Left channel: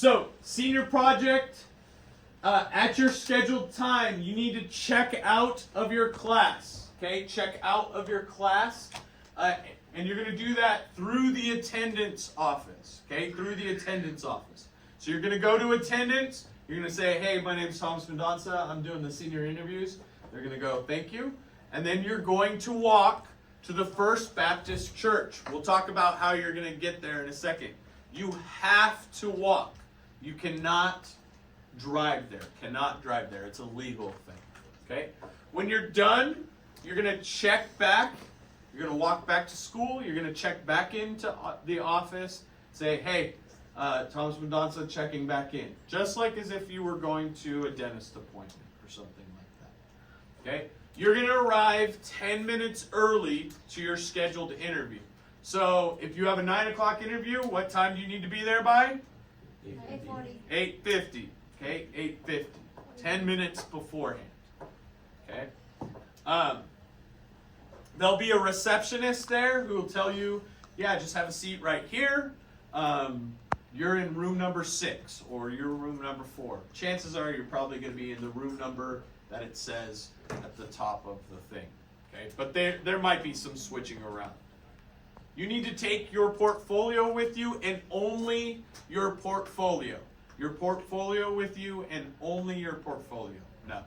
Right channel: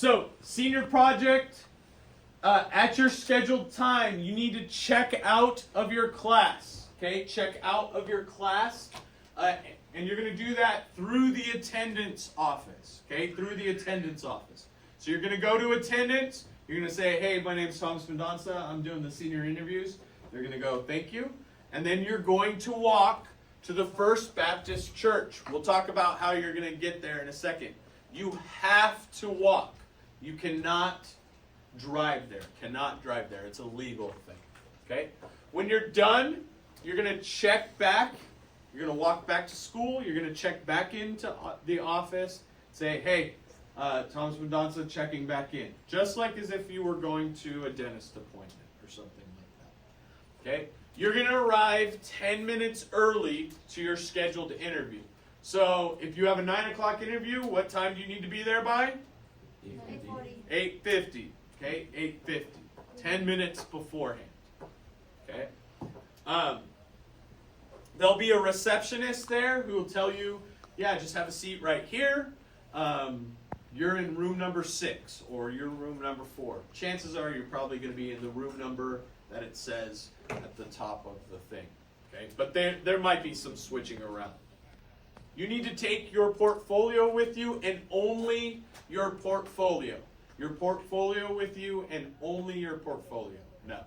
So, senior project, at your scheduled time, you need to check out of your class. Okay, check out of your class, and you're going to do that through the attendance office. Okay, through the attendance office. So you're going to go to attendance. You're going to say, "Hey, my name is Thomas Mendonça. I'm doing the senior interviews." They're going to go, "Thank you," and then you're going to walk to the First Baptist Church. We'll talk about how you're going to get there in a second. You have to walk. You cannot drive there. Cannot drive there. It's a legal thing. Okay? When you're done, you're going to check back. You're going to walk back to school. You're going to check back into the office. Say, "Hey, Thomas Mendonça checking back in." Just like as if you were going to a dentist appointment or something like that. Okay? You're going to arrive 10 minutes early to your scheduled interview. So if you have a 9 o'clock interview, what time do you need to be there by? 8:40. 8:50. Okay, 8:50. 10 minutes beforehand. Okay. There'll be a receptionist there who will tell you, "Yeah, just have a seat right here. You're in room number 6 or you're room number 4. Chances are you're probably going to be in the room number that it says at the top of the thing. Okay, but there might be some switching around. You need to take your portfolio with you and only your portfolio. Your portfolio with you and only your portfolio. No.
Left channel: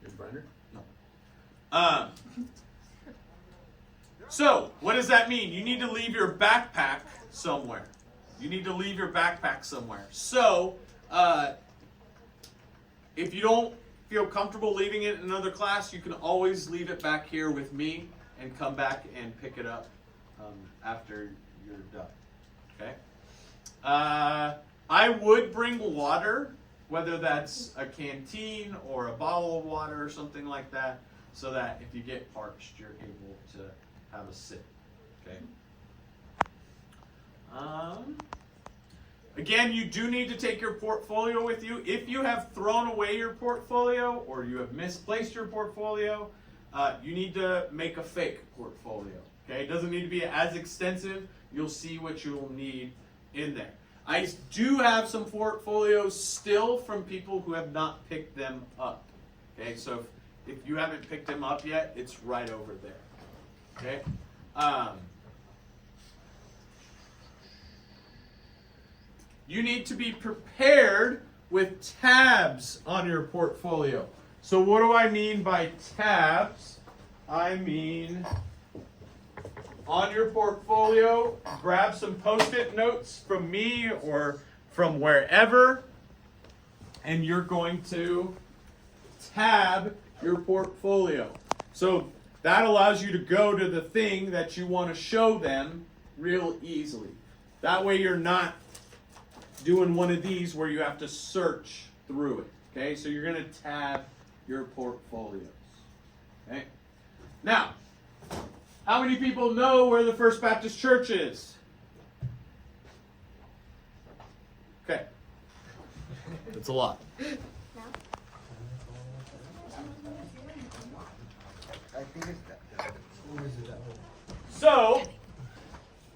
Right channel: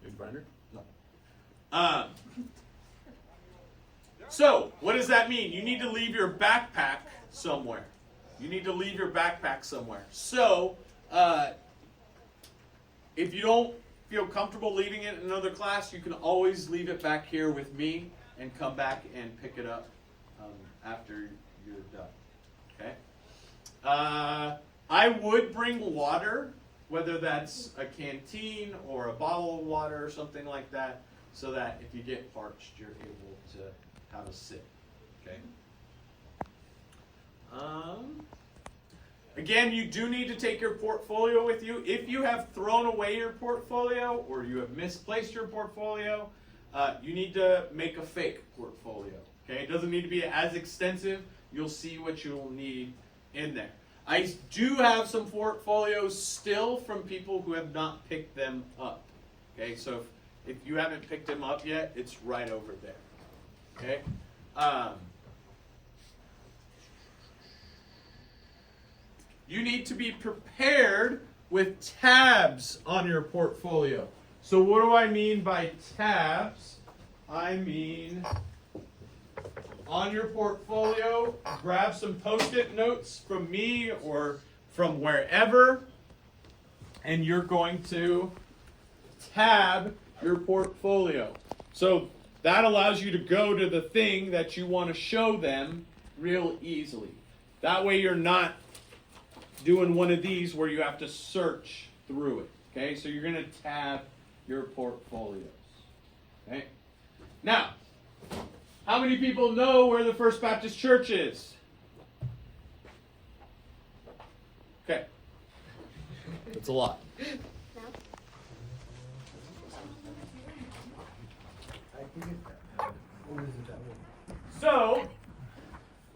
Your binder? No. So, what does that mean? You need to leave your backpack somewhere. You need to leave your backpack somewhere. So, if you don't feel comfortable leaving it in another class, you can always leave it back here with me and come back and pick it up after you're done. Okay? I would bring water, whether that's a canteen or a bottle of water or something like that, so that if you get parched, you're able to have a sip. Okay? Again, you do need to take your portfolio with you. If you have thrown away your portfolio or you have misplaced your portfolio, you need to make a fake portfolio. Okay? It doesn't need to be as extensive. You'll see what you will need in there. I do have some portfolios still from people who have not picked them up. Okay? So if you haven't picked them up yet, it's right over there. Okay? You need to be prepared with tabs on your portfolio. So what do I mean by tabs? I mean on your portfolio, grab some Post-it notes from me or from wherever, and you're going to tab your portfolio. So that allows you to go to the thing that you want to show them real easily. That way you're not doing one of these where you have to search through it. Okay, so you're going to tab your portfolios. Okay, now, how many people know where the First Baptist Church is? Okay, that's a lot. No? I think it's that. Or is it that one? So,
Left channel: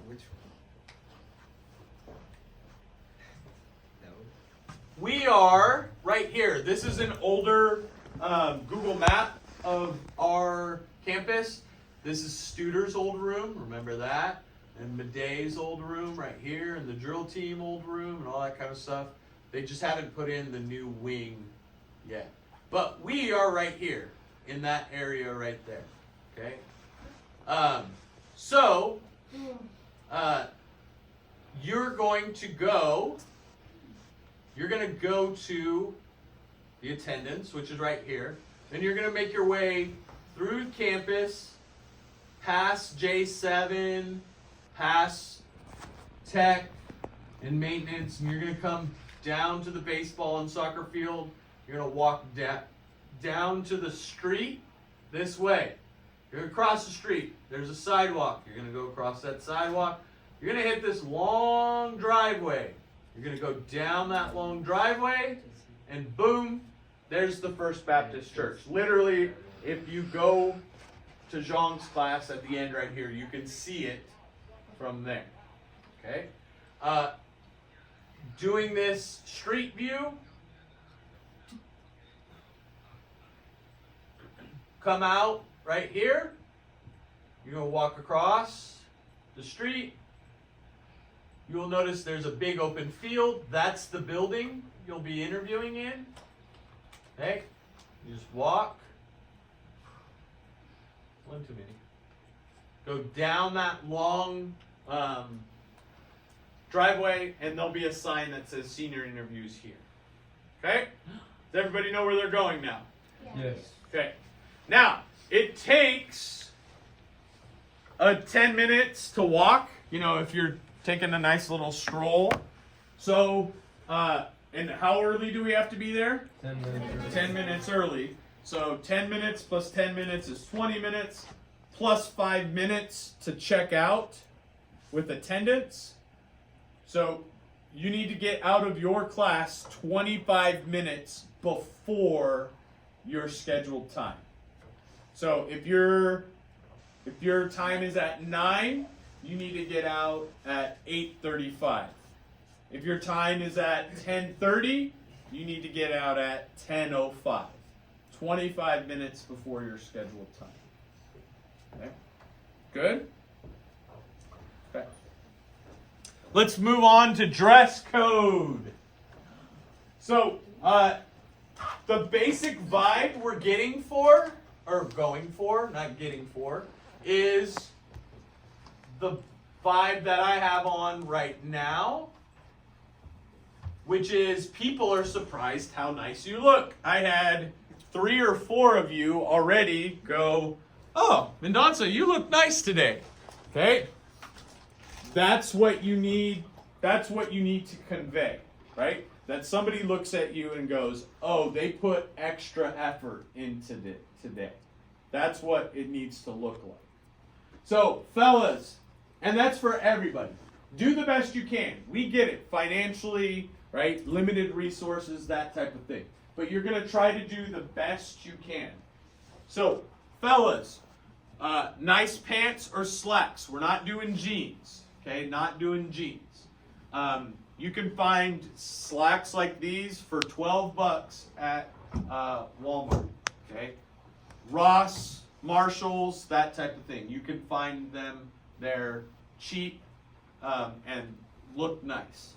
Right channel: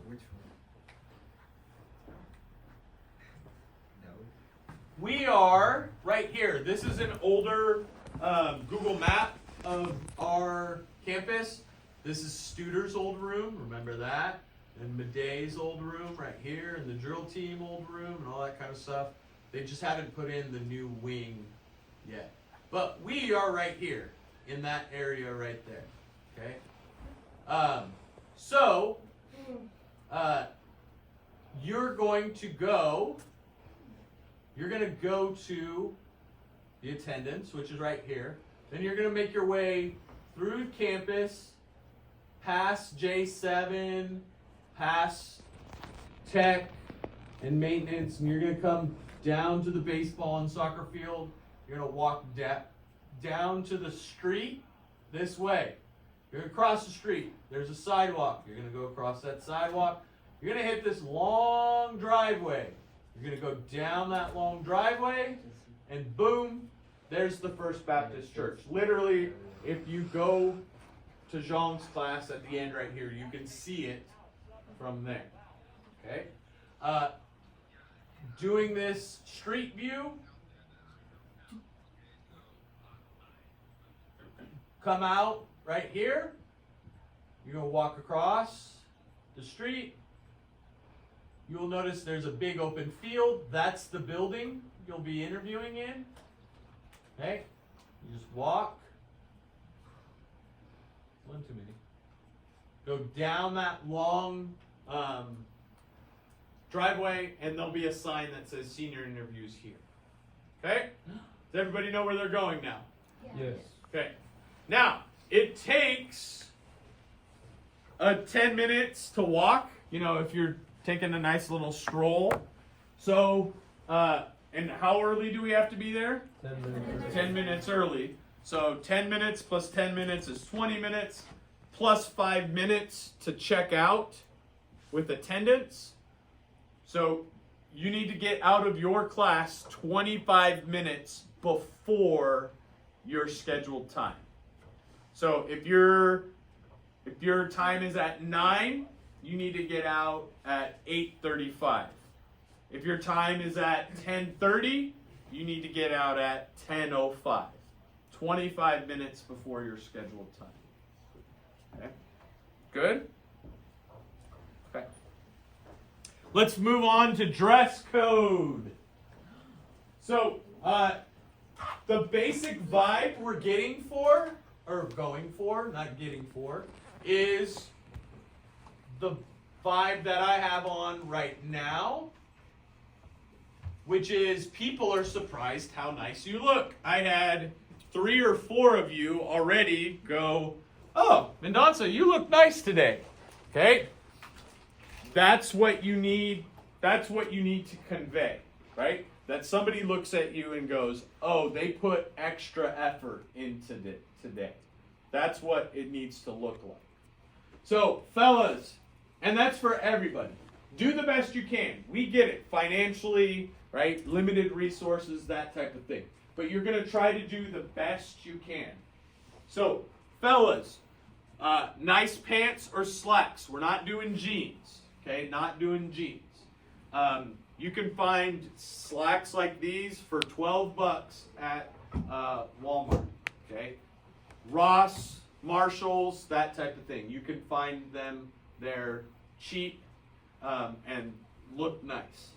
Which one? That one? we are right here. This is an older Google map of our campus. This is Studer's old room, remember that? And Meday's old room right here, and the drill team old room, and all that kind of stuff. They just haven't put in the new wing yet. But we are right here, in that area right there, okay? So, you're going to go to the attendance, which is right here. Then you're going to make your way through campus, past J7, past tech and maintenance, and you're going to come down to the baseball and soccer field. You're going to walk down to the street this way. You're going to cross the street. There's a sidewalk. You're going to go across that sidewalk. You're going to hit this long driveway. You're going to go down that long driveway, and boom, there's the First Baptist Church. Literally, if you go to Jean's class at the end right here, you can see it from there. Okay? doing this street view. Come out right here. You're going to walk across the street. You'll notice there's a big open field. That's the building you'll be interviewing in. Okay? You just walk. One too many. Go down that long driveway, and there'll be a sign that says senior interviews here. Okay? Does everybody know where they're going now? Yes. Okay. Now, it takes 10 minutes to walk, you know, if you're taking a nice little stroll. So, and how early do we have to be there? 10 minutes. 10 minutes early. So 10 minutes plus 10 minutes is 20 minutes, plus 5 minutes to check out with attendance. So you need to get out of your class 25 minutes before your scheduled time. So if your time is at 9, you need to get out at 8:35. If your time is at 10:30, you need to get out at 10:05. 25 minutes before your scheduled time. Okay? Good? Okay. Let's move on to dress code. So, the basic vibe we're getting for, or going for, not getting for, is the vibe that I have on right now, which is people are surprised how nice you look. I had 3 or 4 of you already go, "Oh, Mendonça, you look nice today." Okay? That's what you need. That's what you need to convey, right? That somebody looks at you and goes, "Oh, they put extra effort into today." That's what it needs to look like. So, fellas, and that's for everybody. Do the best you can. We get it. Financially, right? Limited resources, that type of thing. But you're going to try to do the best you can. So, fellas, nice pants or slacks. We're not doing jeans. Okay? Not doing jeans. You can find slacks like these for $12 at Walmart. Okay? Ross, Marshalls, that type of thing. You can find them. They're cheap and look nice.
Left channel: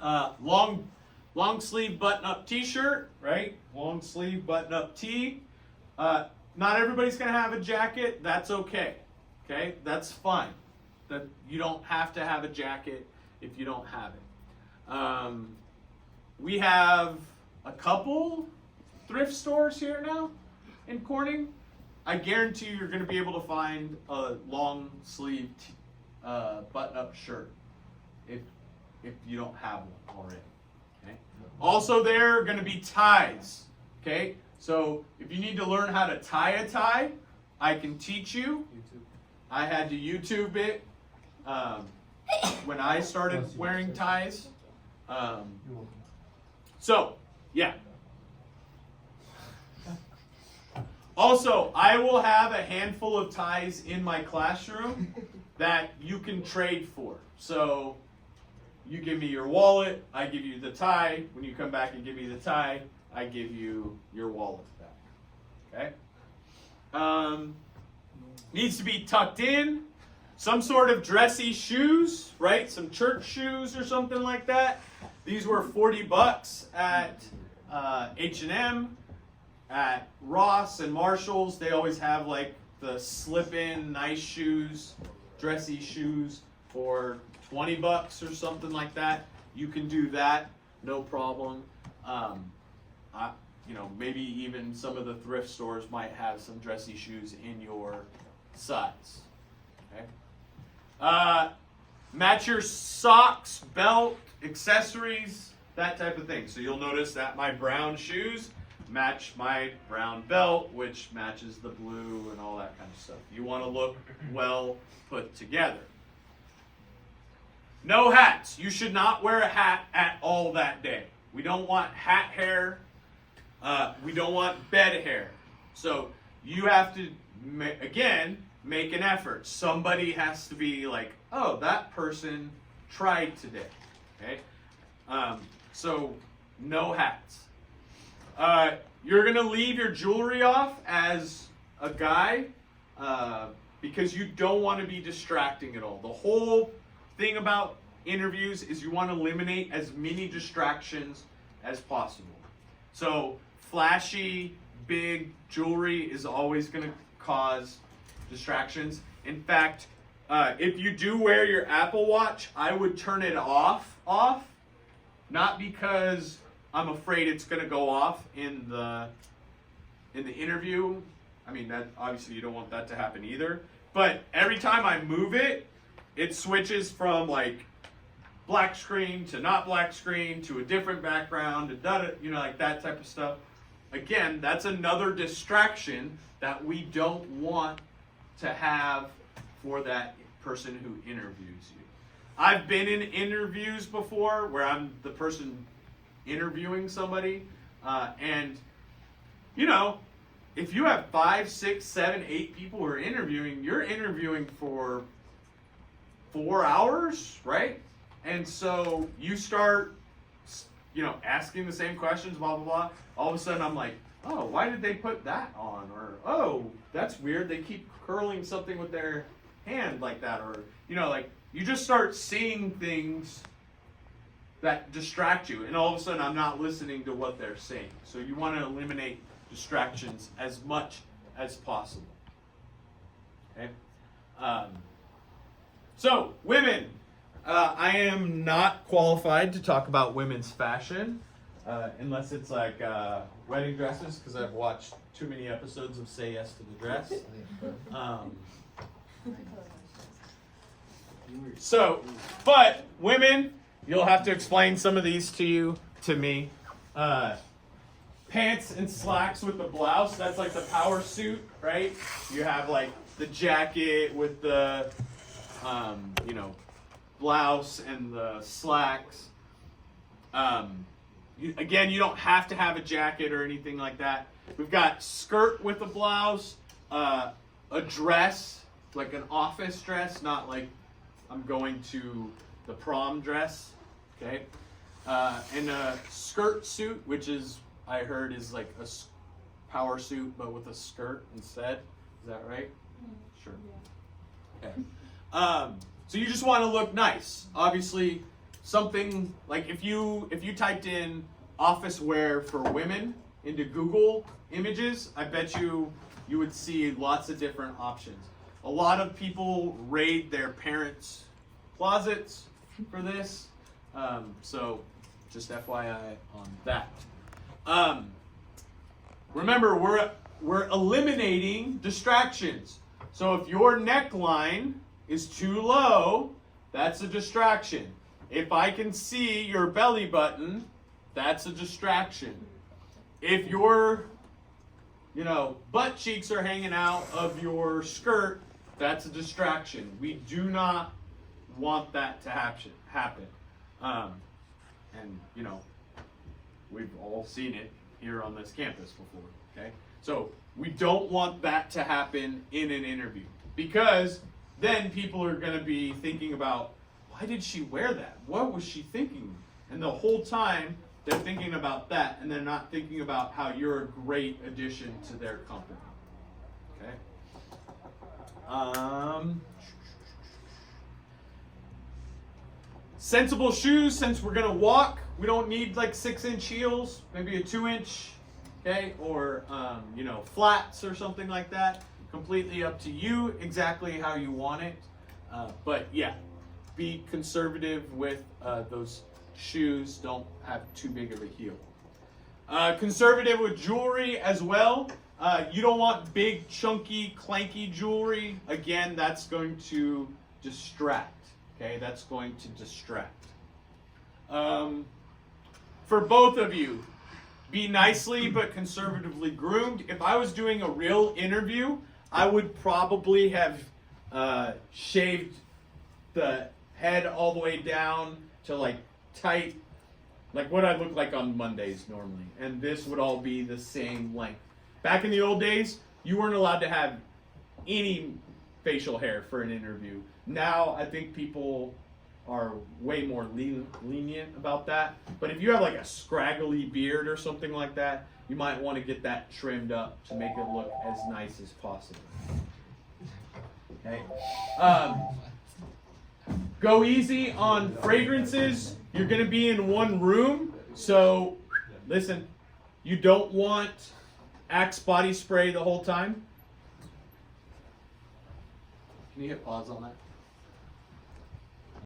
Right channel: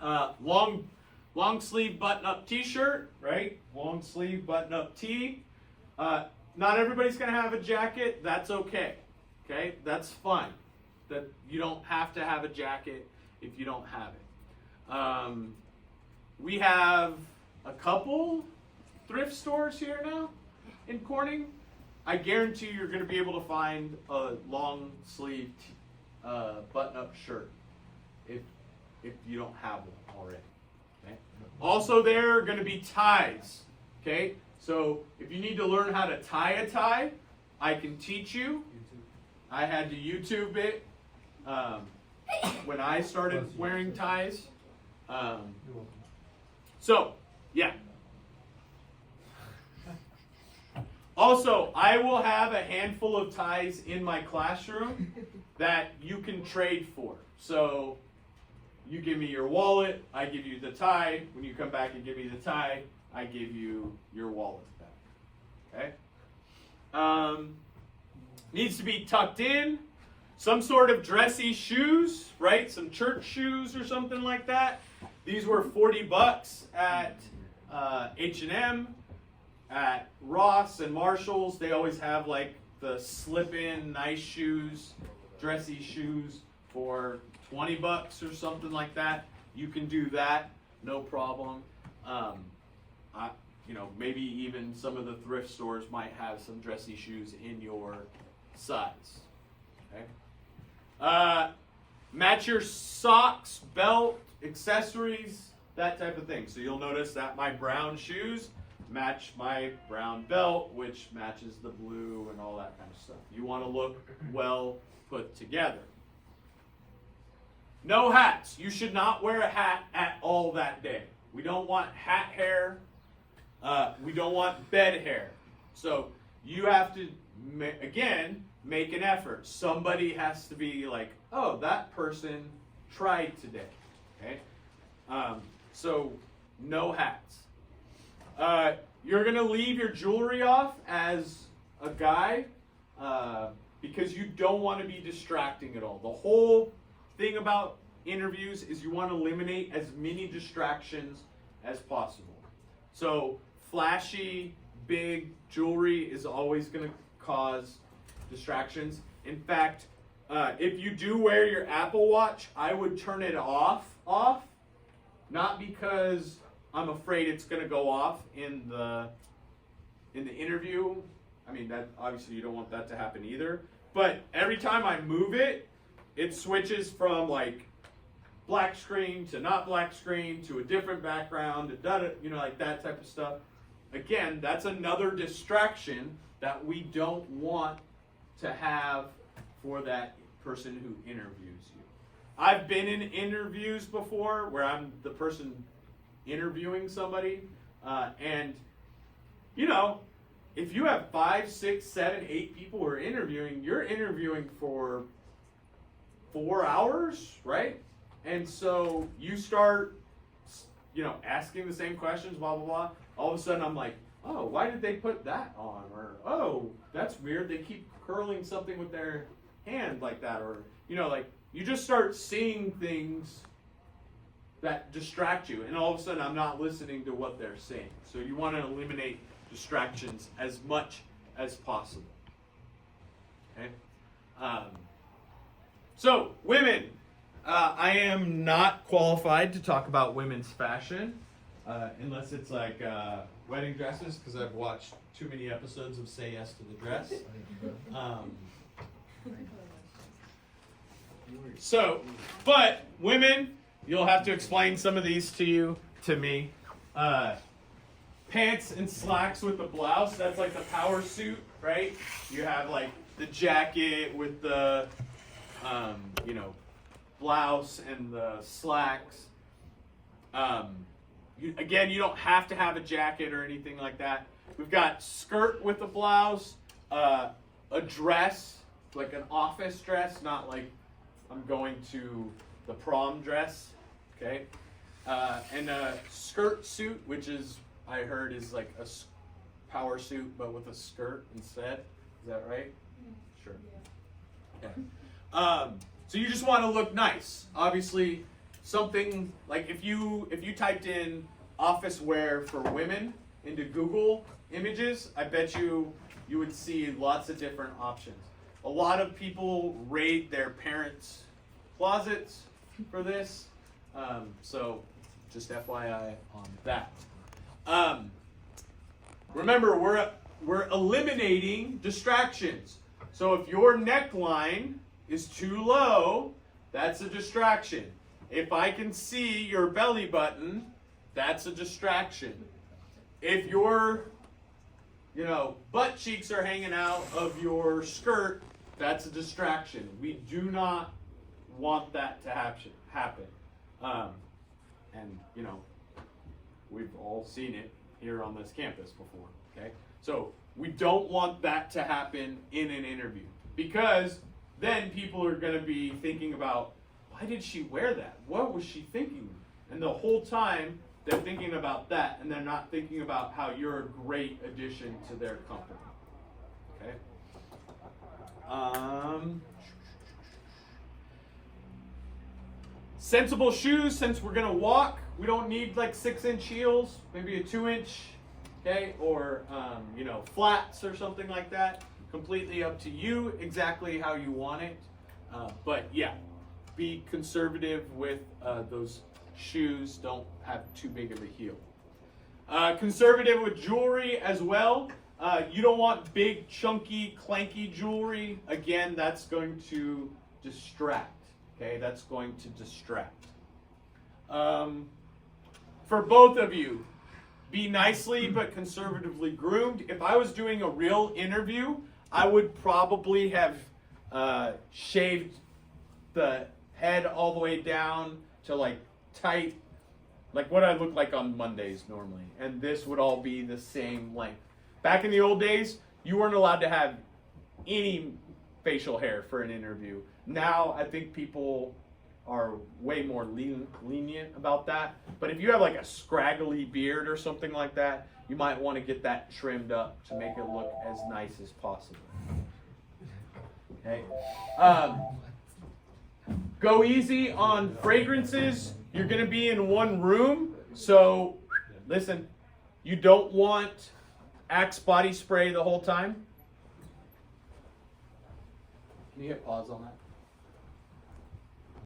Long sleeve button up t-shirt, right? Long sleeve button up tee. Not everybody's gonna have a jacket. That's okay. Okay, that's fine. That you don't have to have a jacket if you don't have it. We have a couple thrift stores here now in Corning. I guarantee you're going to be able to find a long sleeve button up shirt if you don't have one already. Okay. Also, there are going to be ties. Okay. So if you need to learn how to tie a tie, I can teach you. I had to YouTube it when I started wearing ties. So, yeah. Also, I will have a handful of ties in my classroom that you can trade for. So, you give me your wallet, I give you the tie. When you come back and give me the tie, I give you your wallet back. Okay? Needs to be tucked in. Some sort of dressy shoes, right? Some church shoes or something like that. These were $40 at H&M. At Ross and Marshalls, they always have like the slip-in nice shoes, dressy shoes for $20 or something like that. You can do that, no problem. Maybe even some of the thrift stores might have some dressy shoes in your size. Okay. Match your socks, belt, accessories, that type of thing. So you'll notice that my brown shoes match my brown belt, which matches the blue and all that kind of stuff. You want to look well put together. No hats. You should not wear a hat at all that day. We don't want hat hair. We don't want bed hair. So you have to, again, make an effort. Somebody has to be like, "Oh, that person tried today." Okay? So no hats. You're gonna leave your jewelry off as a guy because you don't want to be distracting at all. The whole thing about interviews is you want to eliminate as many distractions as possible. So flashy, big jewelry is always going to cause distractions. In fact, if you do wear your Apple Watch, I would turn it off, not because I'm afraid it's going to go off in the interview. I mean, that obviously you don't want that to happen either. But every time I move it, it switches from like black screen to not black screen to a different background, like that type of stuff. Again, that's another distraction that we don't want to have for that person who interviews you. I've been in interviews before where I'm the person interviewing somebody, and if you have 5, 6, 7, 8 people who are interviewing, you're interviewing for 4 hours, right? And so you start, asking the same questions, blah, blah, blah. All of a sudden I'm like, oh, why did they put that on? Or, oh, that's weird. They keep curling something with their hand like that. Or, you just start seeing things that distract you. And all of a sudden I'm not listening to what they're saying. So you want to eliminate distractions as much as possible. Okay? So, women. I am not qualified to talk about women's fashion, unless it's like wedding dresses, because I've watched too many episodes of Say Yes to the Dress. But women, you'll have to explain some of these to me. Pants and slacks with the blouse, that's like the power suit, right? You have like the jacket with the, blouse and the slacks. Again, you don't have to have a jacket or anything like that. We've got skirt with a blouse, a dress, like an office dress, not like I'm going to the prom dress, okay? And a skirt suit, which is, I heard, is like a power suit, but with a skirt instead. Is that right? Sure. Okay. So you just want to look nice. Obviously, something like if you typed in office wear for women into Google Images, I bet you would see lots of different options. A lot of people raid their parents' closets for this. So just FYI on that. Remember, we're eliminating distractions. So if your neckline is too low, that's a distraction. If I can see your belly button, that's a distraction. If your, butt cheeks are hanging out of your skirt, that's a distraction. We do not want that to happen. And, we've all seen it here on this campus before, okay? So we don't want that to happen in an interview, because then people are going to be thinking about, why did she wear that? What was she thinking? And the whole time they're thinking about that, and they're not thinking about how you're a great addition to their company. Okay? Sensible shoes, since we're going to walk, we don't need like 6-inch heels, maybe a 2-inch, okay? Or, flats or something like that. Completely up to you, exactly how you want it. But yeah, be conservative with those shoes. Don't have too big of a heel. Conservative with jewelry as well. You don't want big, chunky, clanky jewelry. Again, that's going to distract. Okay, that's going to distract. For both of you, be nicely but conservatively groomed. If I was doing a real interview, I would probably have shaved the head all the way down to like tight, like what I look like on Mondays normally. And this would all be the same length. Back in the old days, you weren't allowed to have any facial hair for an interview. Now I think people are way more lenient about that. But if you have like a scraggly beard or something like that, you might want to get that trimmed up to make it look as nice as possible. Okay. Go easy on fragrances. You're going to be in one room, so listen, you don't want Axe body spray the whole time. Can you hit pause on that?